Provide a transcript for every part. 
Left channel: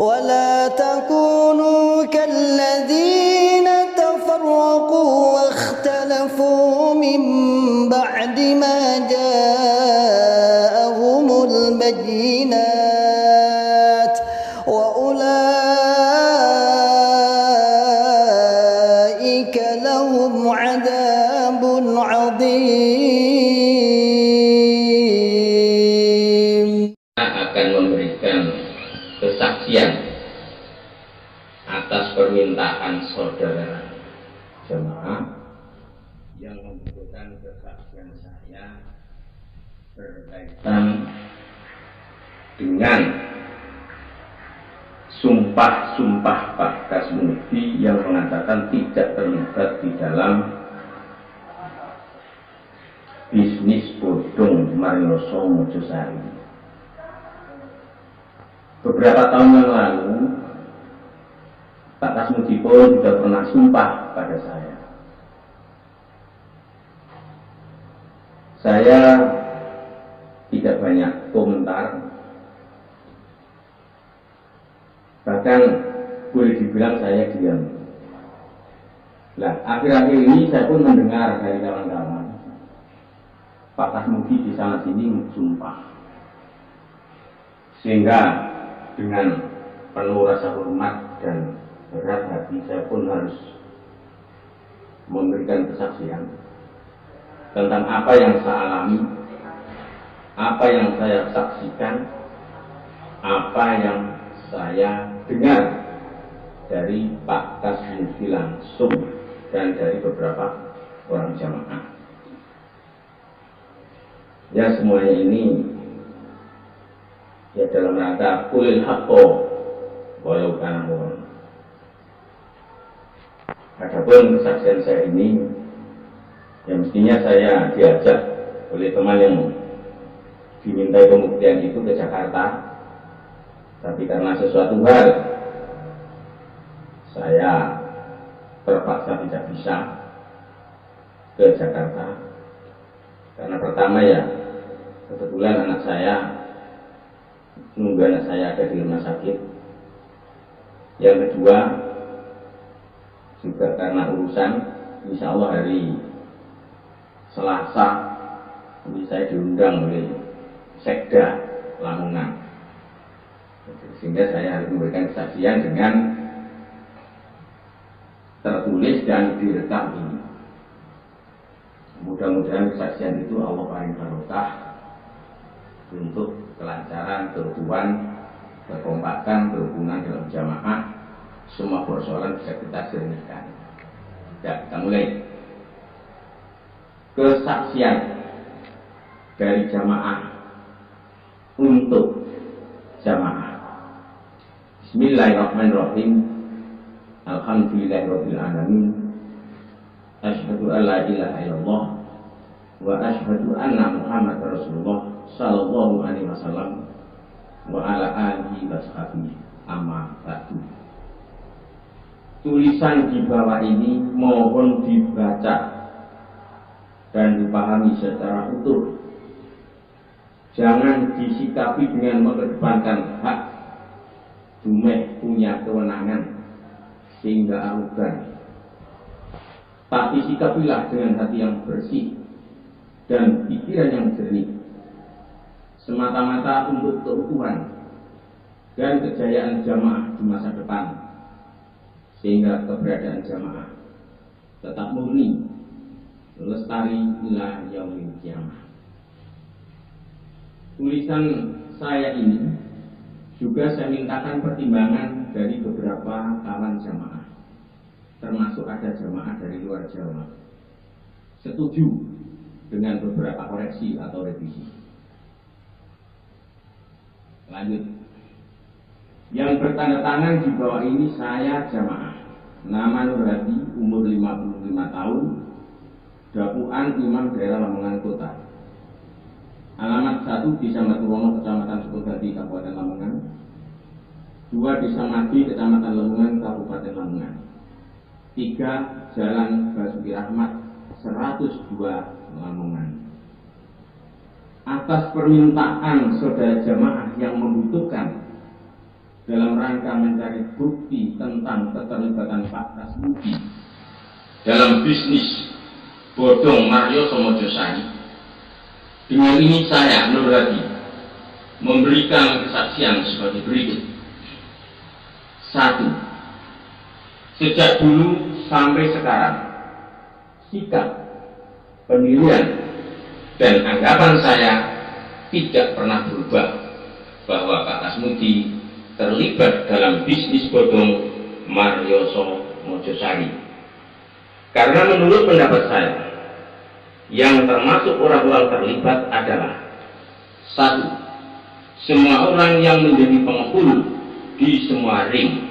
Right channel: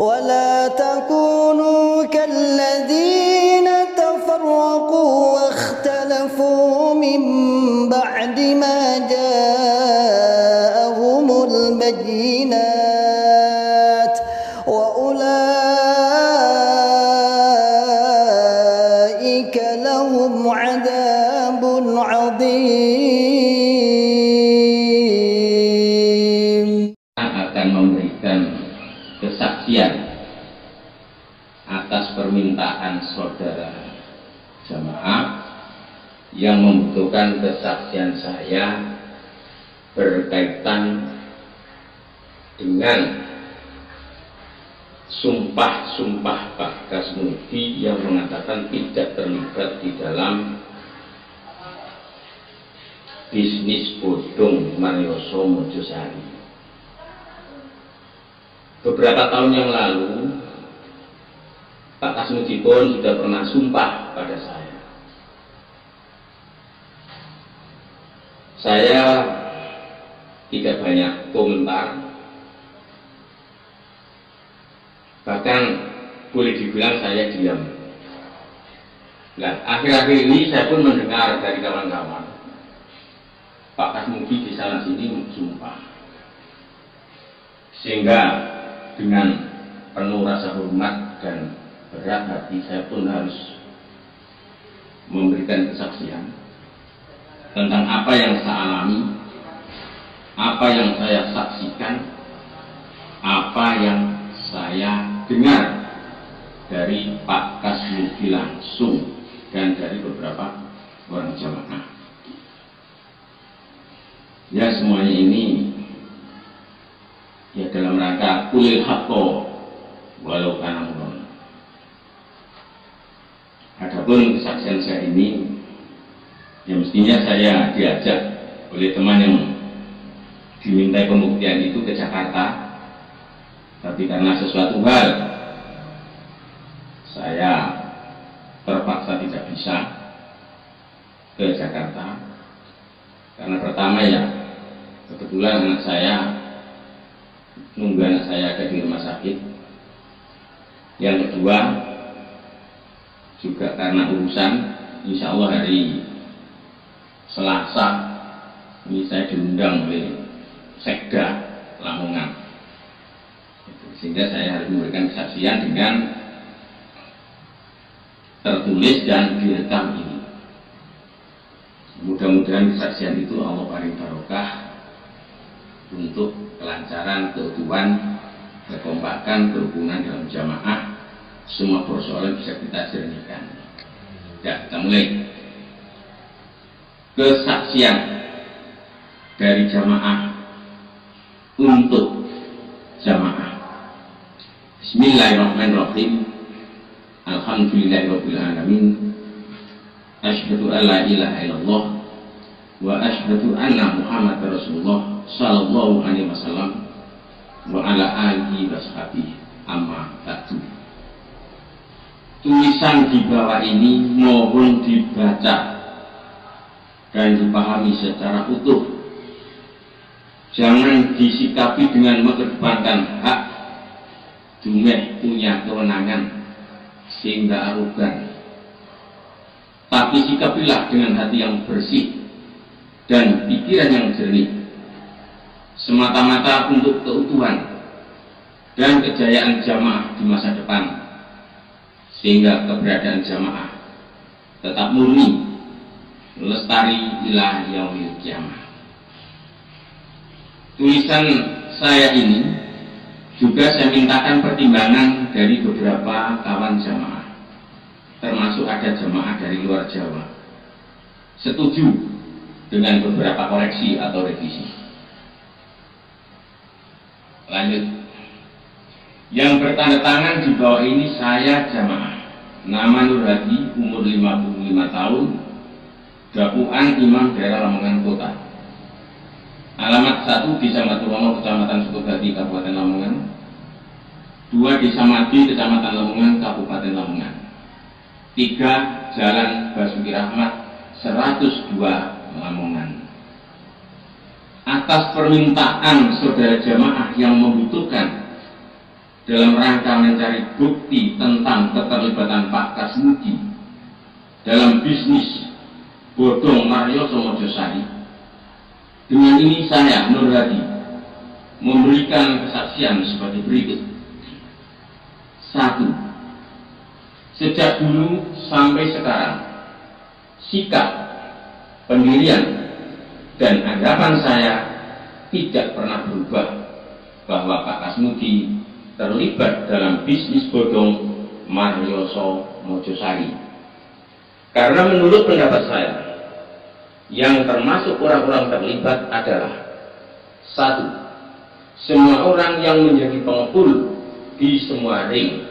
ولا تكونوا كالذين تفرقوا واختلفوا من بعد ما جاءهم البينات وأولئك لهم عذاب عظيم. Akan memberikan kesaksian atas permintaan saudara jemaah yang membutuhkan kesaksian saya berkaitan dengan sumpah-sumpah Pak Kasmudi yang mengatakan tidak terlibat di dalam bisnis bodong Marioso Mojosari. Beberapa tahun yang lalu Pak Kasmudi pun sudah pernah sumpah pada saya. Saya tidak banyak komentar, bahkan boleh dibilang saya diam. Nah, akhir-akhir ini saya pun mendengar dari kawan-kawan Pak Kasmudi di sana sini sumpah, sehingga dengan penuh rasa hormat dan berat hati saya pun harus memberikan kesaksian tentang apa yang saya alami, apa yang saya saksikan, apa yang saya dengar dari Pak Kasmudi langsung dan dari beberapa orang jamaah. Ya, semuanya ini ya dalam rangka kulil haqqo walau kana murran. Adapun kesaksian saya ini ya mestinya saya diajak oleh teman yang dimintai pembuktian itu ke Jakarta, tapi karena sesuatu hal saya terpaksa tidak bisa ke Jakarta. Karena pertama ya kebetulan anak saya nunggu anak saya ada di rumah sakit. Yang kedua juga karena urusan, insya Allah hari Selasa ini saya diundang oleh Sekda Lamongan, sehingga saya harus memberikan kesaksian dengan tertulis dan direkam ini. Mudah-mudahan kesaksian itu Allah paling barokah untuk kelancaran, keutuhan, kekompakan, kerukunan dalam jamaah. Semua persoalan bisa kita jernihkan. Ya, kita mulai. Kesaksian dari jamaah untuk jamaah. Bismillahirrahmanirrahim. Alhamdulillahirabbil alamin. Asyhadu an la ilaha illallah wa asyhadu anna Muhammadar Rasulullah sallallahu alaihi wasallam wa ala alihi washabihi amma ba'du. Tulisan di bawah ini mohon dibaca dan dipahami secara utuh. Jangan disikapi dengan mengedepankan hak dumeh punya kewenangan sehingga arogan, tapi sikapilah dengan hati yang bersih dan pikiran yang jernih, semata-mata untuk keutuhan dan kejayaan jamaah di masa depan, sehingga keberadaan jamaah tetap murni, lestari ila yaumil qiyamah. Tulisan saya ini juga saya mintakan pertimbangan dari beberapa kawan jamaah, termasuk ada jamaah dari luar Jawa, setuju dengan beberapa koreksi atau revisi. Lanjut. Yang bertanda tangan di bawah ini saya jamaah. Nama Nur Hadi, umur 55 tahun, Dapuan Imam Daerah Lamongan Kota. Alamat 1 Desa Maturono, Kecamatan Sukabadi, Kabupaten Lamongan. 2 Desa Madi, Kecamatan Lamongan, Kabupaten Lamongan. 3 Jalan Basuki Rahmat 102, Lamongan. Atas permintaan saudara jamaah yang membutuhkan dalam rangka mencari bukti tentang keterlibatan Pak Kasmudi dalam bisnis bodong Marioso Mojosari. Dengan ini saya, Nur Hadi, memberikan kesaksian sebagai berikut. 1. Sejak dulu sampai sekarang, sikap, pendirian, dan anggapan saya tidak pernah berubah bahwa Pak Kasmudi terlibat dalam bisnis bodong Marioso Mojosari. Karena menurut pendapat saya, yang termasuk orang-orang terlibat adalah 1. Semua orang yang menjadi pengepul di semua ring.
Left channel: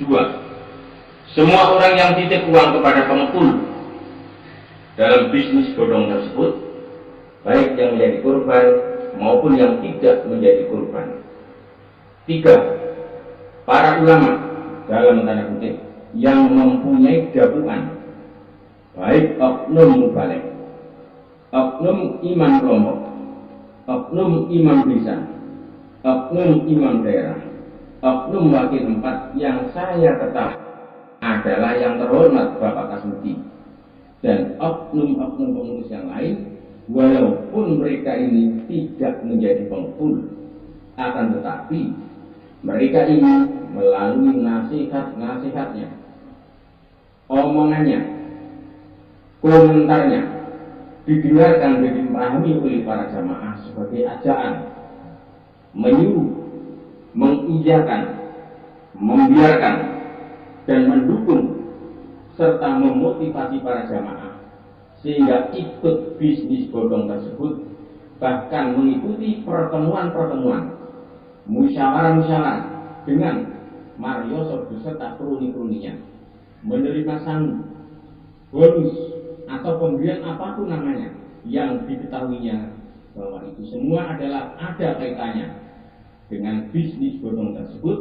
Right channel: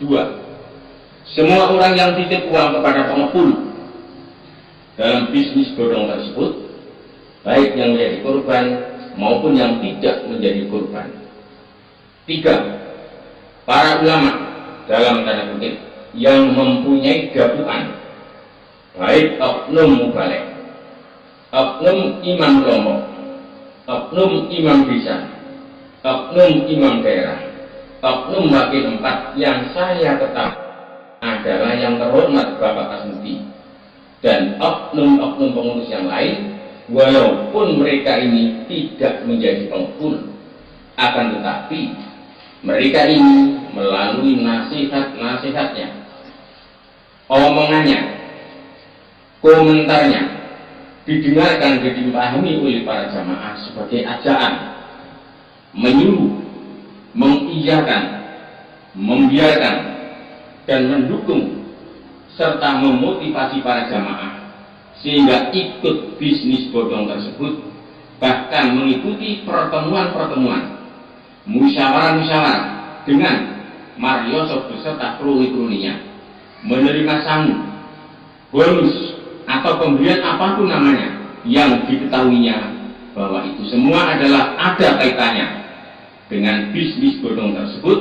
2. Semua orang yang titip uang kepada pengepul dalam bisnis bodong tersebut, baik yang menjadi korban maupun yang tidak menjadi korban. 3. Para ulama dalam tanda kutip yang mempunyai dapuan, baik oknum mubalek, oknum imam kelompok, oknum imam desa, oknum imam daerah, oknum wakil tempat yang saya ketahui adalah yang terhormat Bapak Kasmudi, dan oknum-oknum pengurus yang lain, walaupun mereka ini tidak menjadi pengepul, akan tetapi mereka ini melalui nasihat-nasihatnya, omongannya, komentarnya didengarkan dan dipahami oleh para jamaah sebagai ajaan, menyuruh, mengiyakan, membiarkan, dan mendukung serta memotivasi para jamaah sehingga ikut bisnis bodong tersebut, bahkan mengikuti pertemuan-pertemuan, musyawarah-musyawarah dengan Marioso beserta kroni-kroninya, menerima sangu, bonus, atau pemberian apapun namanya yang diketahuinya bahwa itu semua adalah ada kaitannya dengan bisnis bodong tersebut,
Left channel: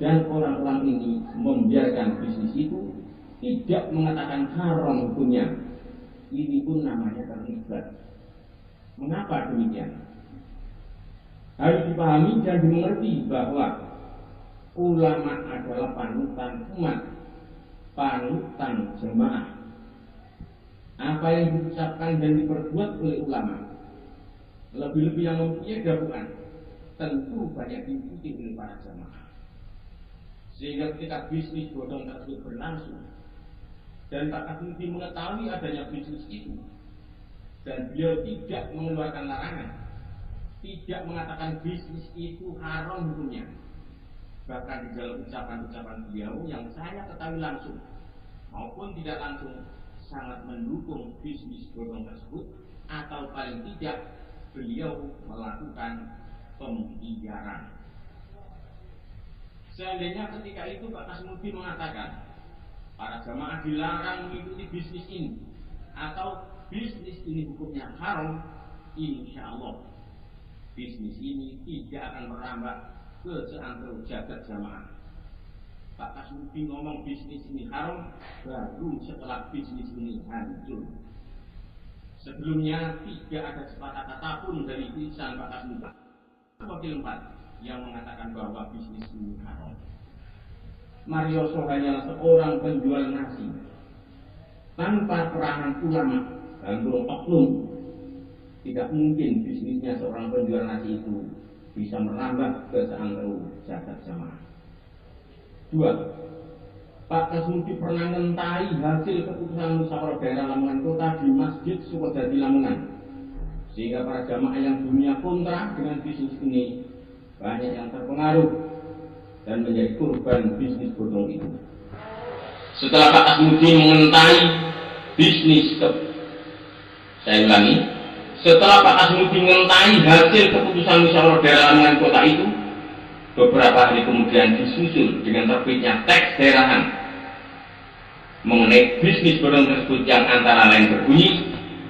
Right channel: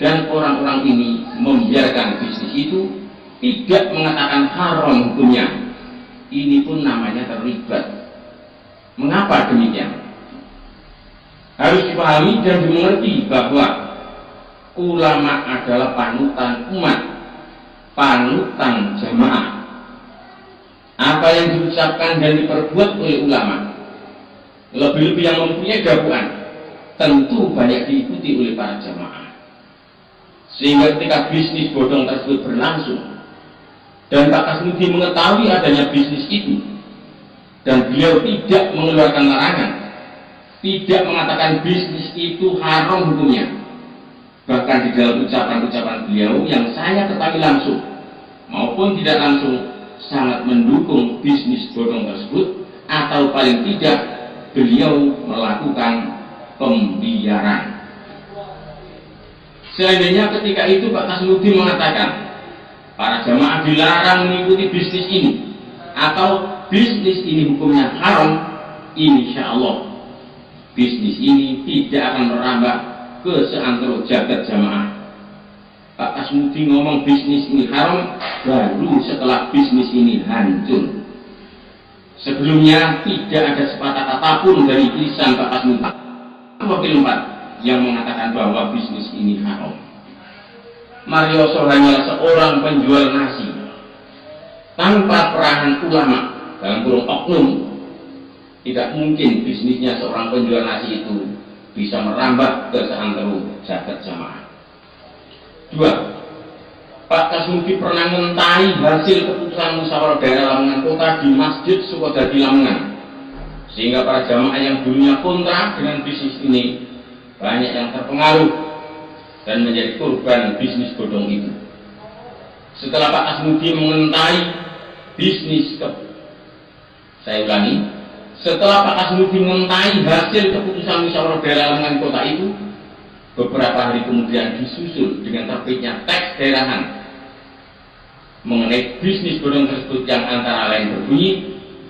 dan orang-orang ini membiarkan bisnis itu, tidak mengatakan haram hukumnya. Ini pun namanya terlibat. Mengapa demikian? Harus dipahami dan dimengerti bahwa ulama adalah panutan umat, panutan jamaah. Apa yang diucapkan dan diperbuat oleh ulama, lebih-lebih yang mempunyai dakwaan, tentu banyak diikuti oleh para jamaah. Sehingga ketika bisnis bodong tersebut berlangsung dan Pak Kasmudi mengetahui adanya bisnis itu, dan beliau tidak mengeluarkan larangan, tidak mengatakan bisnis itu haram hukumnya, bahkan di dalam ucapan-ucapan beliau yang saya ketahui langsung maupun tidak langsung sangat mendukung bisnis bodong tersebut, atau paling tidak beliau melakukan pembiaran. Seandainya ketika itu Pak Kasmudi mengatakan para jamaah dilarang mengikuti bisnis ini, atau bisnis ini hukumnya haram, insya Allah bisnis ini tidak akan merambah ke seantero jagat jamaah. Pak Kasmudi ngomong bisnis ini haram baru setelah bisnis ini hancur. Sebelumnya tidak ada sepatah kata pun dari lisan Pak Kasmudi wakil 4 yang mengatakan bahwa bisnis ini haram. Marioso hanyalah seorang penjual nasi tanpa peranan ulama dalam kurung oknum. Tidak mungkin bisnisnya seorang penjual nasi itu bisa merambah ke seantero jagat jamaah. 2. Pak Kasmudi pernah mengetahui hasil keputusan musyawarah daerah Lamongan Kota di Masjid Sukodadi Lamongan, sehingga para jamaah yang dulunya kontra dengan bisnis ini banyak yang terpengaruh dan menjadi korban bisnis bodong itu. Setelah Pak Kasmudi mengetahui bisnis saya ulangi, setelah Pak Kasmudi mengetahui hasil keputusan musyawarah daerah Lamongan Kota itu, beberapa hari kemudian disusul dengan terbitnya teks daerahan mengenai bisnis bodong tersebut yang antara lain berbunyi,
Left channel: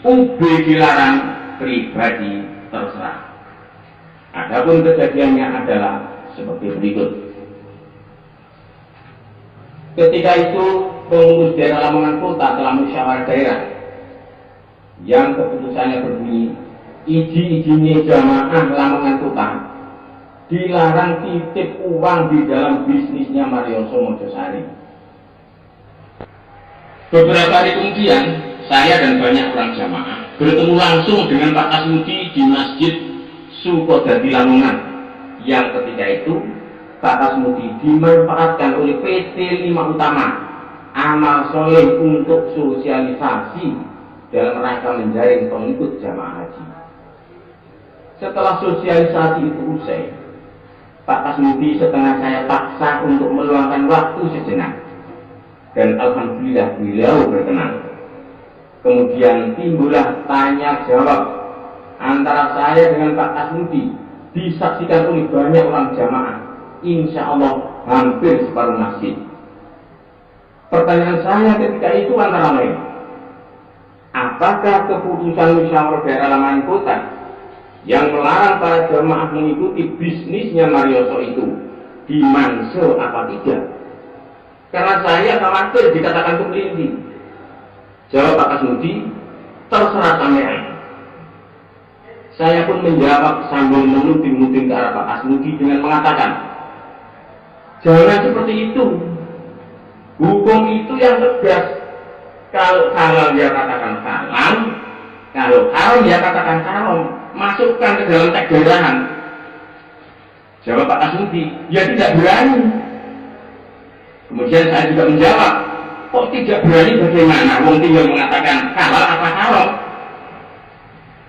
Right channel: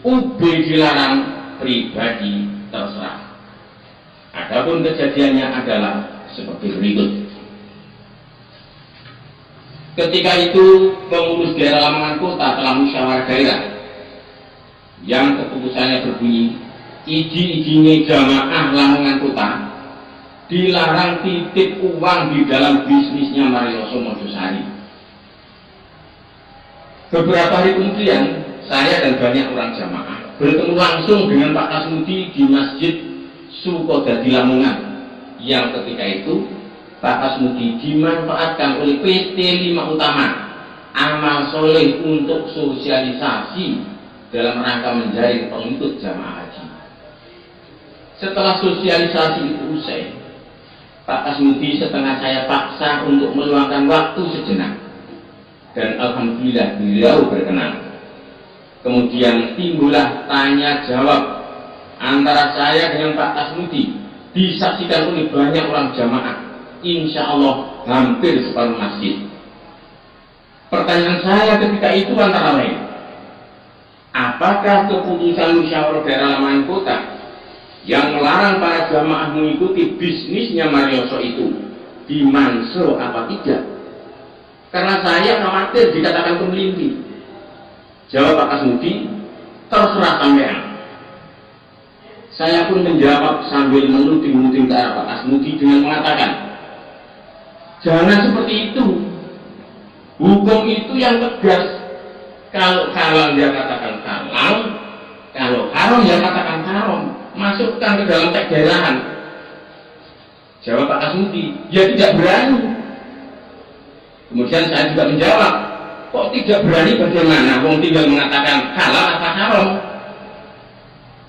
UB dilarang, pribadi terserah. Adapun kejadiannya adalah seperti berikut. Ketika itu pengurus daerah Lamongan Kota telah musyawarah daerah yang keputusannya berbunyi, izin-izinnya jamaah Lamongan Kota dilarang titip uang di dalam bisnisnya Marioso Mojosari. Beberapa hari kemudian, saya dan banyak orang jamaah bertemu langsung dengan Pak Kasmudi di Masjid Sukodadi Lamongan, yang ketika itu Pak Kasmudi dimanfaatkan oleh PT 5 Utama Amal Soleh untuk sosialisasi dalam rangka menjaring pengikut jamaah haji. Setelah sosialisasi itu usai, Pak Kasmudi setengah saya paksa untuk meluangkan waktu sejenak, dan alhamdulillah beliau berkenan. Kemudian timbullah tanya jawab antara saya dengan Pak Kasmudi, disaksikan oleh banyak orang jamaah, insya Allah hampir separuh masjid. Pertanyaan saya ketika itu antara lain, apakah keputusan musyawarah daerah Lamongan Kota yang melarang para jamaah mengikuti bisnisnya Marioso itu dimansur apa tidak? Karena saya khawatir dikatakan kemelindi. Jawab Pak Kasmudi, terserah sampean. Saya pun menjawab sambil menuding-nuding ke arah Pak Kasmudi dengan mengatakan, jangan seperti itu. Hukum itu yang tegas. Kalau halal ya katakan halal, kalau haram ya katakan haram. Masukkan ke dalam teks daerahan. Jawab Pak Kasmudi, ya tidak berani. Kemudian saya juga menjawab, kok tidak berani bagaimana? Wong tinggal mengatakan halal apa haram.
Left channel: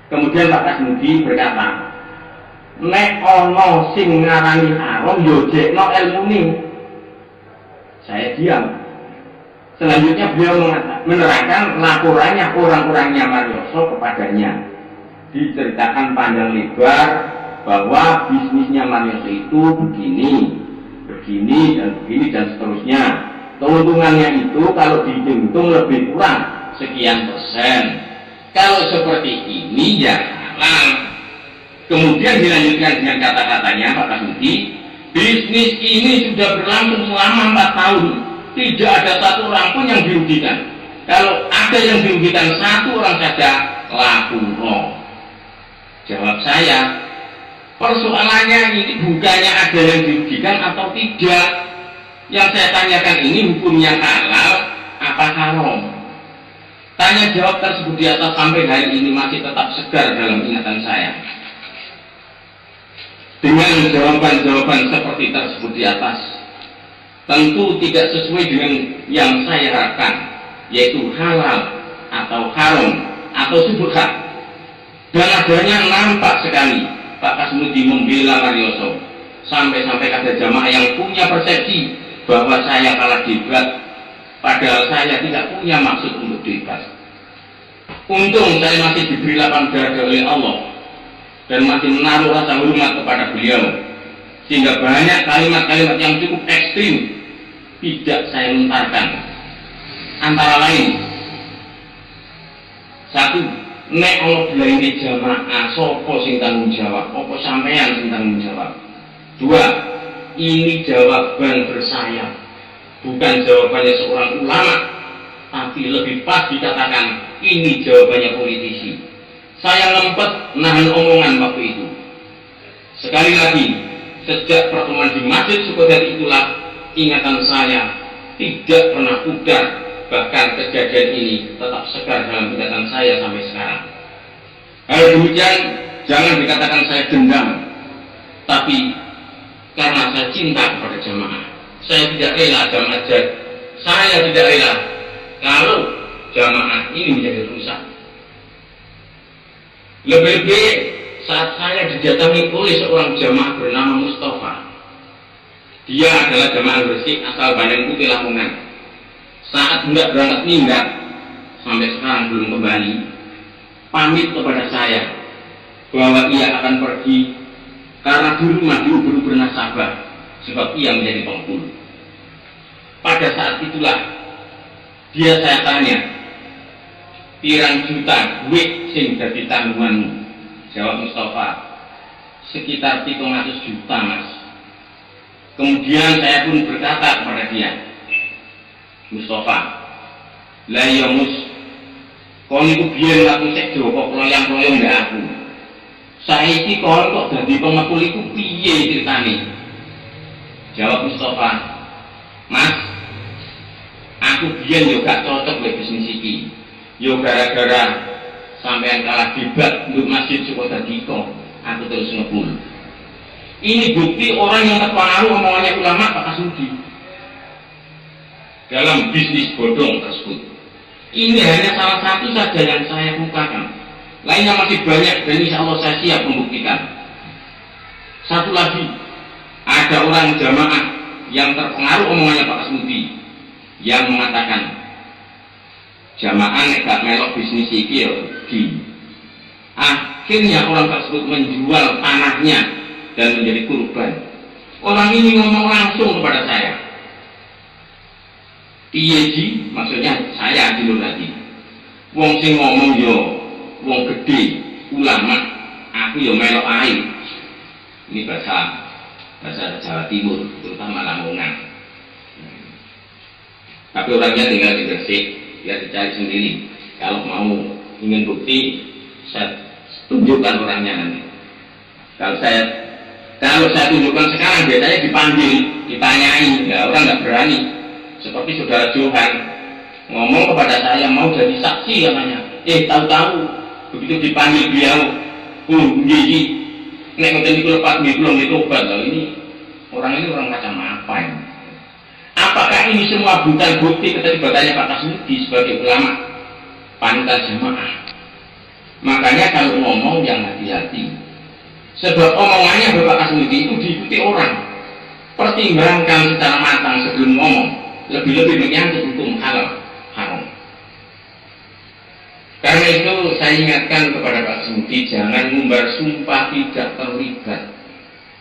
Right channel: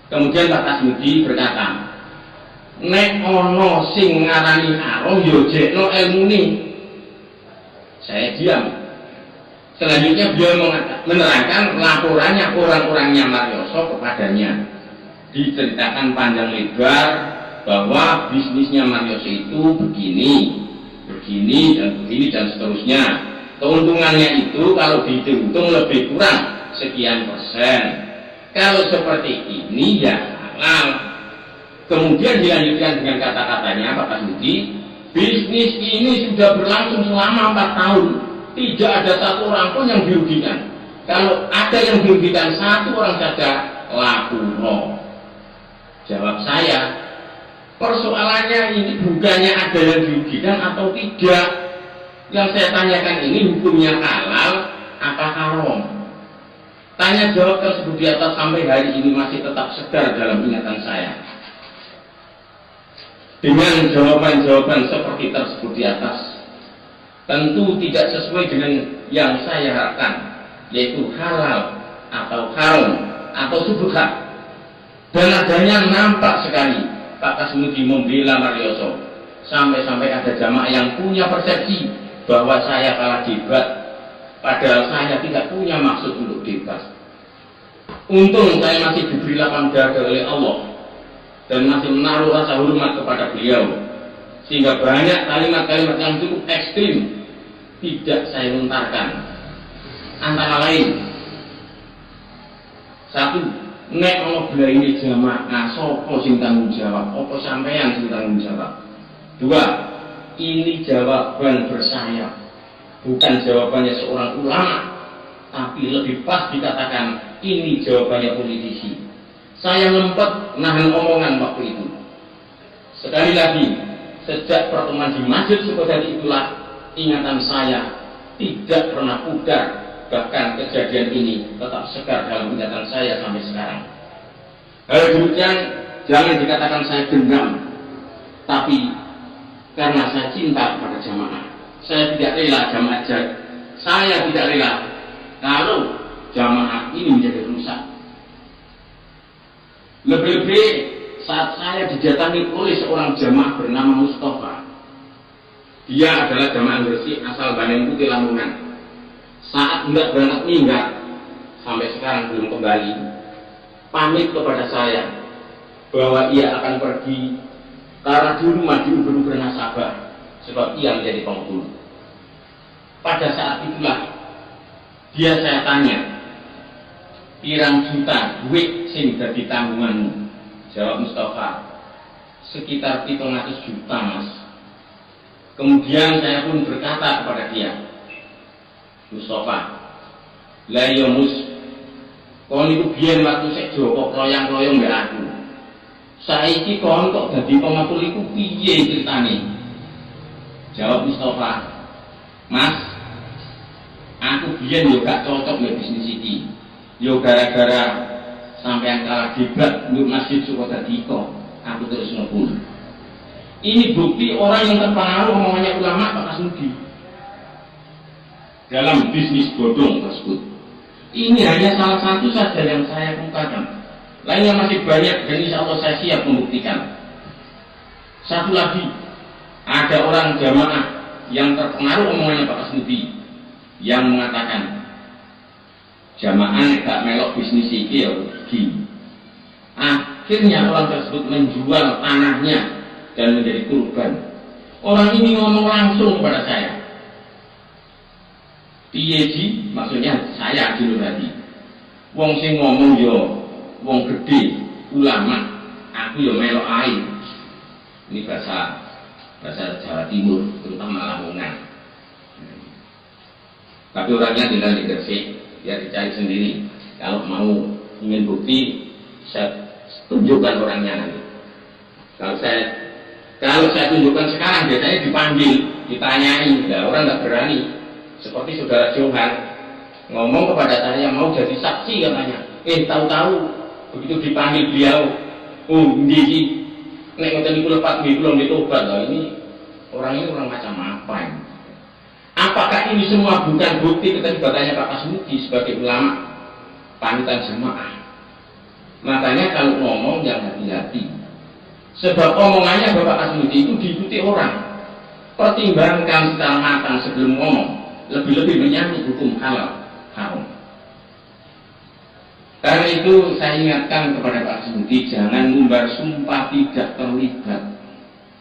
Kemudian Pak Kasmudi berkata, nek ono sing ngarani haram yo jekno ilmune. Saya diam. Selanjutnya beliau menerangkan laporannya orang-orangnya Marioso kepadanya. Diceritakan panjang lebar bahwa bisnisnya Marioso itu begini dan seterusnya. Keuntungannya itu kalau dihitung lebih kurang sekian persen. Kalau seperti ini ya halal. Kemudian dilanjutkan dengan kata-katanya Pak Kasmudi, bisnis ini sudah berlangsung selama 4 tahun. Tidak ada satu orang pun yang dirugikan. Kalau ada yang dirugikan satu orang saja, lapor. Jawab saya, persoalannya ini bukannya ada yang dirugikan atau tidak. Yang saya tanyakan ini hukumnya halal apa haram. Tanya jawab tersebut di atas sampai hari ini masih tetap segar dalam ingatan saya. Dengan jawaban-jawaban seperti tersebut di atas, tentu tidak sesuai dengan yang saya harapkan, yaitu halal atau haram atau subhat. Dan adanya nampak sekali Pak Kasmudi membela Marioso, sampai-sampai ada jamaah yang punya persepsi bahwa saya kalah debat, padahal saya tidak punya maksud untuk debat. Untung saya masih diberi lapang dada oleh Allah dan masih menaruh rasa hormat kepada beliau, sehingga banyak kalimat-kalimat yang cukup ekstrim tidak saya lontarkan. Antara lain, 1, nek Allah bela ini jamaah, sopo sing tanggung jawab, opo sampean sing tanggung jawab. 2, ini jawaban bersayap, bukan jawabannya seorang ulama, tapi lebih pas dikatakan ini jawabannya politisi. Saya ngempet nahan omongan waktu itu. Sekali lagi, sejak pertemuan di Masjid Sukodadi itulah ingatan saya tidak pernah pudar. Bahkan kejadian ini tetap segar dalam ingatan saya sampai sekarang. Hal demikian jangan dikatakan saya dendam, tapi karena saya cinta kepada jamaah. Saya tidak rela jamaah saya tidak rela kalau jamaah ini menjadi rusak. Lebih-lebih saat saya didatangi oleh seorang jamaah bernama Mustafa. Dia adalah jamaah bersih asal Bandeng Putih Lamongan. Saat hendak berangkat minggat, sampai sekarang belum kembali, pamit kepada saya bahwa ia akan pergi karena di rumah diuber-uber nasabah, sebab ia menjadi penghulu. Pada saat itulah dia saya tanya, pirang juta duit sing dadi tanggunganmu? Jawab Mustafa, sekitar 700 juta mas. Kemudian saya pun berkata kepada dia, Mustafa, lah ya mus, kon itu biyen waktu sek Joko kloyang-kloyong mbak aku. Saiki kon kok dadi pengepul iku piye ceritane? Jawab Mustafa, Mas, aku biyen yo gak cocok mek bisnis iki. Yo gara-gara sampean kalah debat nduk masjid suka dadi kok, aku terus ngepul. Ini bukti orang yang terpengaruh omongannya ulama Pak Kasmudi dalam bisnis bodong tersebut. Ini hanya salah satu saja yang saya kemukakan. Lainnya masih banyak dan insya Allah saya siap membuktikan. Satu lagi, ada orang jamaah yang terpengaruh omongannya Pak Kasmudi yang mengatakan jamaah gak melok bisnis iki ya rugi. Akhirnya orang tersebut menjual tanahnya dan menjadi korban. Orang ini ngomong langsung kepada saya. Piye ji, maksudnya saya Haji Nur Hadi. Wong sing ngomong yo wong gede, ulama, aku yo melok ae. Ini bahasa Jawa Timur, terutama Lamongan. Tapi orangnya tinggal di Gresik, biar dicari sendiri. Kalau mau ingin bukti, saya tunjukkan orangnya nanti. Kalau saya tunjukkan sekarang, biasanya dipanggil, ditanyai, ya orang nggak berani. Seperti saudara Johan ngomong kepada saya mau jadi saksi katanya. Tahu-tahu begitu dipanggil beliau, nggih, nek ngoten niku lepat nggih kula nggih tobat. Ini orang macam apa ini? Apakah ini semua bukan bukti keterlibatannya Pak Kasmudi sebagai ulama panutan jamaah? Makanya kalau ngomong yang hati-hati. Sebab omongannya Bapak Kasmudi itu diikuti orang. Pertimbangkan secara matang sebelum ngomong. Lebih-lebih menyangkut hukum halal haram. Karena itu saya ingatkan kepada Pak Kasmudi, jangan ngumbar sumpah tidak terlibat.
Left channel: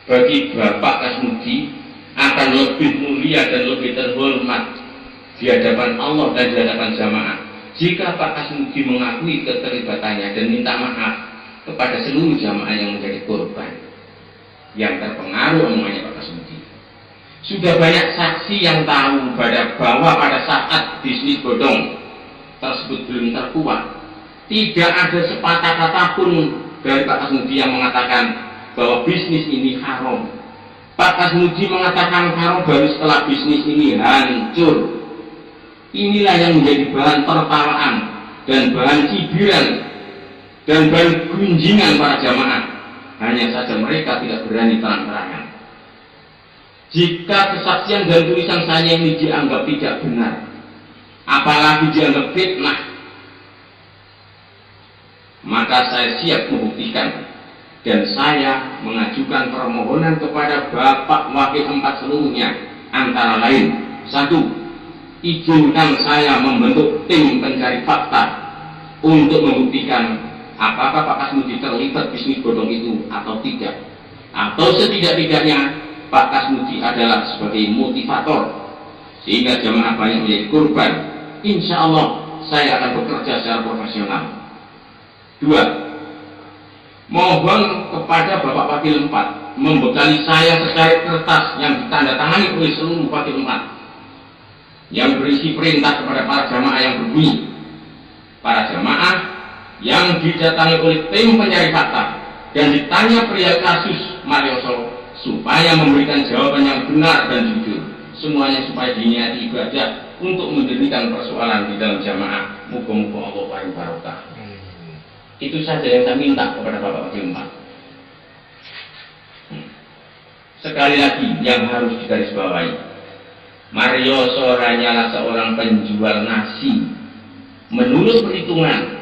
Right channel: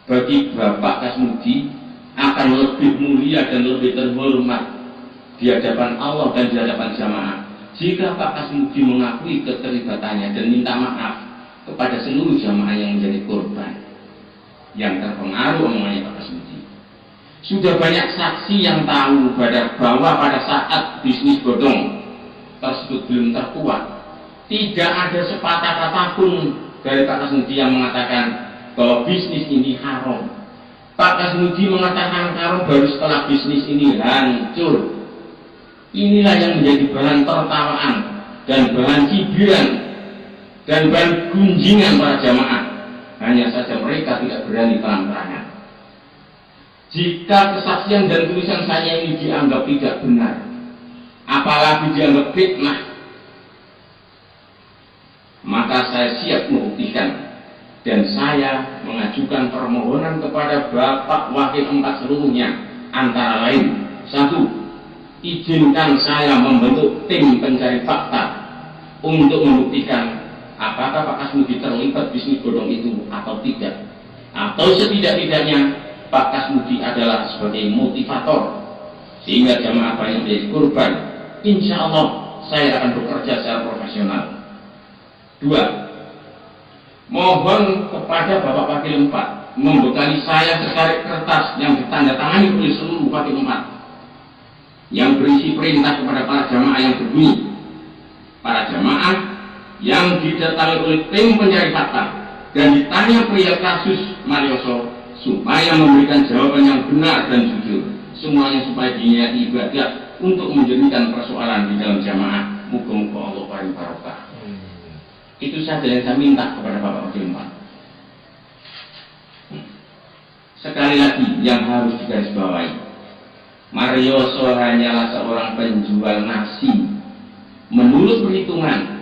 Bagi Bapak Kasmudi akan lebih mulia dan lebih terhormat di hadapan Allah dan di hadapan jamaah jika Pak Kasmudi mengakui keterlibatannya dan minta maaf kepada seluruh jamaah yang menjadi korban yang terpengaruh omongannya Pak Kasmudi. Sudah banyak saksi yang tahu bahwa pada saat bisnis bodong tersebut belum terkuat, tidak ada sepatah kata pun dari Pak Kasmudi yang mengatakan bahwa bisnis ini haram. Pak Kasmudi mengatakan haram baru setelah bisnis ini hancur. Inilah yang menjadi bahan tertawaan dan bahan cibiran dan bahan gunjingan para jamaah. Hanya saja mereka tidak berani terang-terangan. Jika kesaksian dan tulisan saya ini dianggap tidak benar, apalagi dianggap fitnah, maka saya siap membuktikan. Dan saya mengajukan permohonan kepada Bapak Wakil 4 seluruhnya, antara lain, 1. Izinkan saya membentuk tim pencari fakta untuk membuktikan apakah Pak Kasmudi terlibat bisnis bodong itu atau tidak, atau setidak-tidaknya Pak Kasmudi adalah sebagai motivator sehingga jamaah banyak menjadi korban. Insya Allah saya akan bekerja secara profesional. 2. Mohon kepada Bapak Wakil 4 membekali saya secarik kertas yang ditandatangani oleh seluruh Wakil 4 yang berisi perintah kepada para jamaah yang berbunyi, para jamaah yang didatangi oleh tim pencari fakta dan ditanya perihal kasus Marioso supaya memberikan jawaban yang benar dan jujur, semuanya supaya diniati ibadah untuk menjadikan persoalan di dalam jamaah. Moga-moga Allah paling barokah. Itu saja yang saya minta kepada Bapak Wakil 4. Sekali lagi yang harus digarisbawahi, Marioso hanyalah seorang penjual nasi. Menurut perhitungan,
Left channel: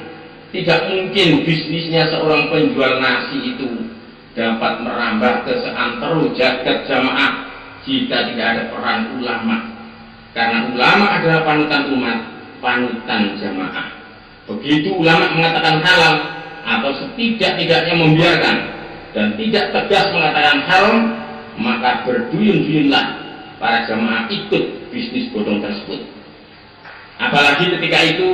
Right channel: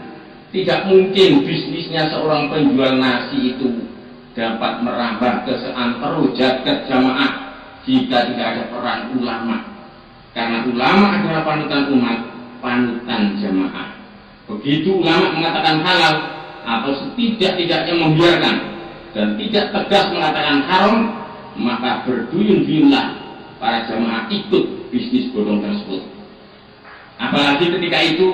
tidak mungkin bisnisnya seorang penjual nasi itu dapat merambah ke seantero jagat jamaah jika tidak ada peran ulama. Karena ulama adalah panutan umat, panutan jamaah. Begitu ulama mengatakan halal atau setidak-tidaknya membiarkan dan tidak tegas mengatakan haram, maka berduyun-duyunlah para jamaah ikut bisnis bodong tersebut. Apalagi ketika itu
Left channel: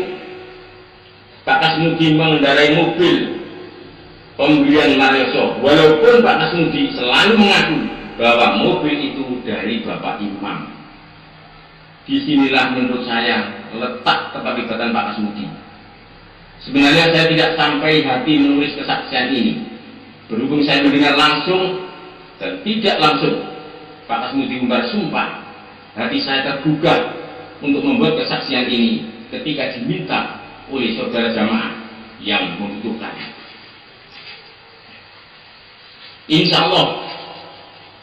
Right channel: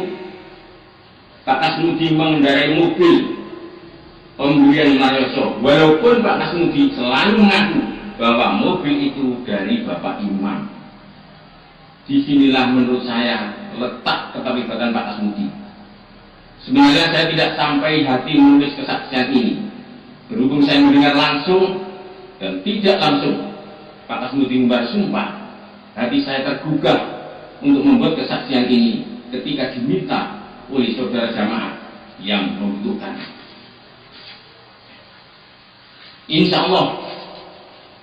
Pak Kasmudi mengendarai mobil pembelian Marioso, walaupun Pak Kasmudi selalu mengaku bahwa mobil itu dari Bapak Imam. Disinilah menurut saya letak keterlibatan Pak Kasmudi. Sebenarnya saya tidak sampai hati menulis kesaksian ini, Berhubung saya mendengar langsung dan tidak langsung Pak Kasmudi bersumpah, hati saya tergugah untuk membuat kesaksian ini ketika diminta oleh saudara jamaah yang membutuhkan. Insya Allah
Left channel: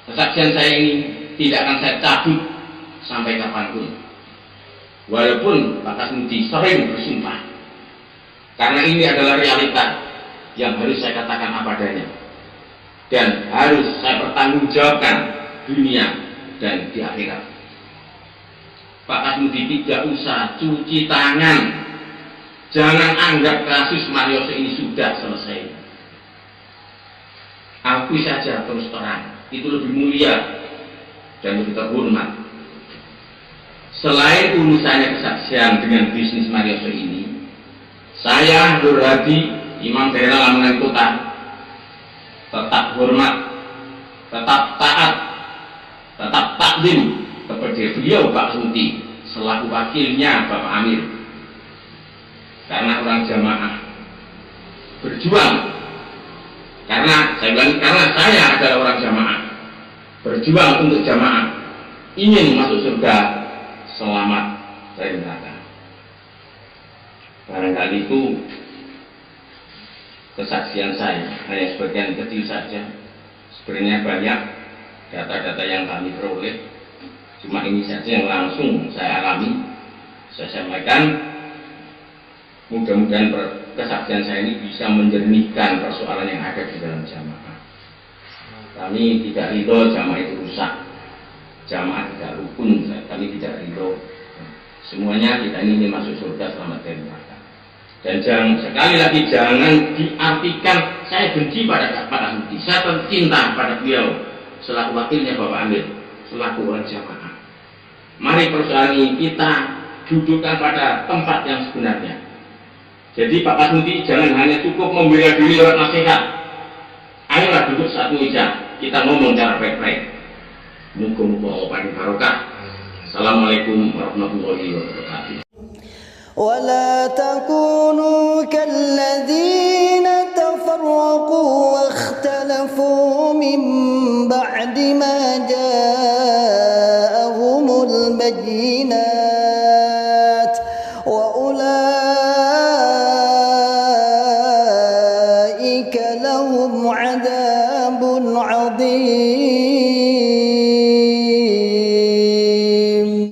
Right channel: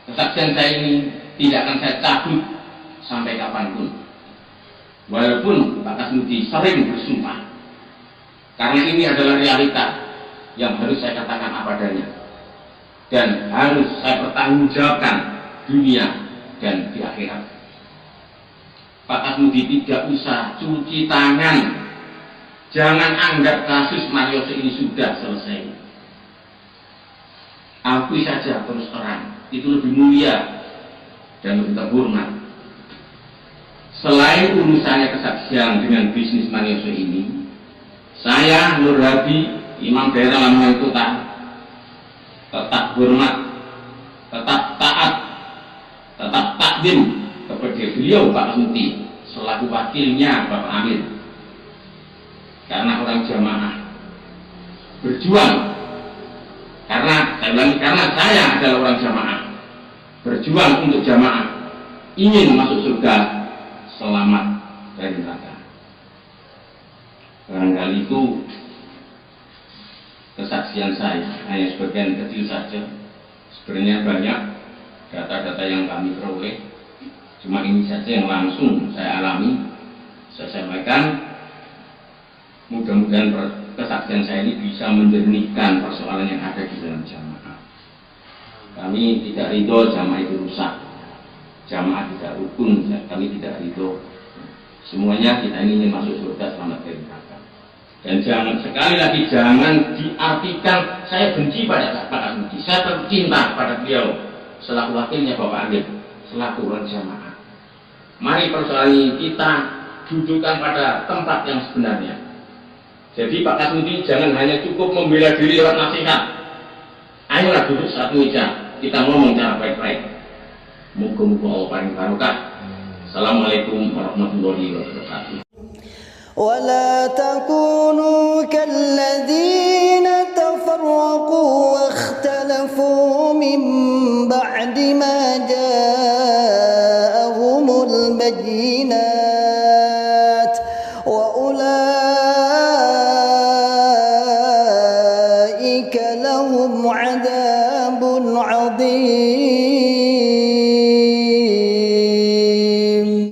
kesaksian saya ini tidak akan saya cabut sampai kapanpun, walaupun Pak Kasmudi sering bersumpah, karena ini adalah realita yang harus saya katakan apa adanya dan harus saya pertanggungjawabkan dunia dan di akhirat. Pak Kasmudi tidak usah cuci tangan, jangan anggap kasus Marioso ini sudah selesai. Akui saja terus terang, itu lebih mulia dan lebih terhormat. Selain urusannya kesaksian dengan bisnis Marioso ini, saya Nur Hadi, Imam Daerah Lamongan Kota, tetap hormat, tetap taat, tetap takdim kepada beliau Pak Kasmudi selaku wakilnya Bapak Amir. Karena orang jamaah berjuang, karena saya bilang karena saya adalah orang jamaah, berjuang untuk jamaah, ingin masuk surga, selamat dari neraka. Barangkali itu kesaksian saya, hanya sebagian kecil saja. Sebenarnya banyak data-data yang kami peroleh, cuma ini saja yang langsung saya alami, saya sampaikan. Mudah-mudahan kesaksian saya ini bisa menjernihkan persoalan yang ada di dalam jamaah. Kami tidak ridho jamaah itu rusak, jamaah tidak rukun, kami tidak ridho. Semuanya kita ini ingin masuk surga, selamat dari neraka. Dan sekali lagi jangan diartikan saya benci pada Pak Kasmudi. Saya cinta pada beliau selaku wakilnya Bapak Amir, selaku orang jamaah. Mari persoalan ini kita dudukkan pada tempat yang sebenarnya. Jadi Pak Kasmudi jangan hanya cukup membela diri lewat nasihat. Ayolah duduk satu meja, kita ngomong cara baik-baik. Muga-muga Allah paling barokah. Assalamualaikum warahmatullahi wabarakatuh. ولا تكونوا كالذين تفرقوا واختلفوا من بعد ما جاءهم البينات وأولئك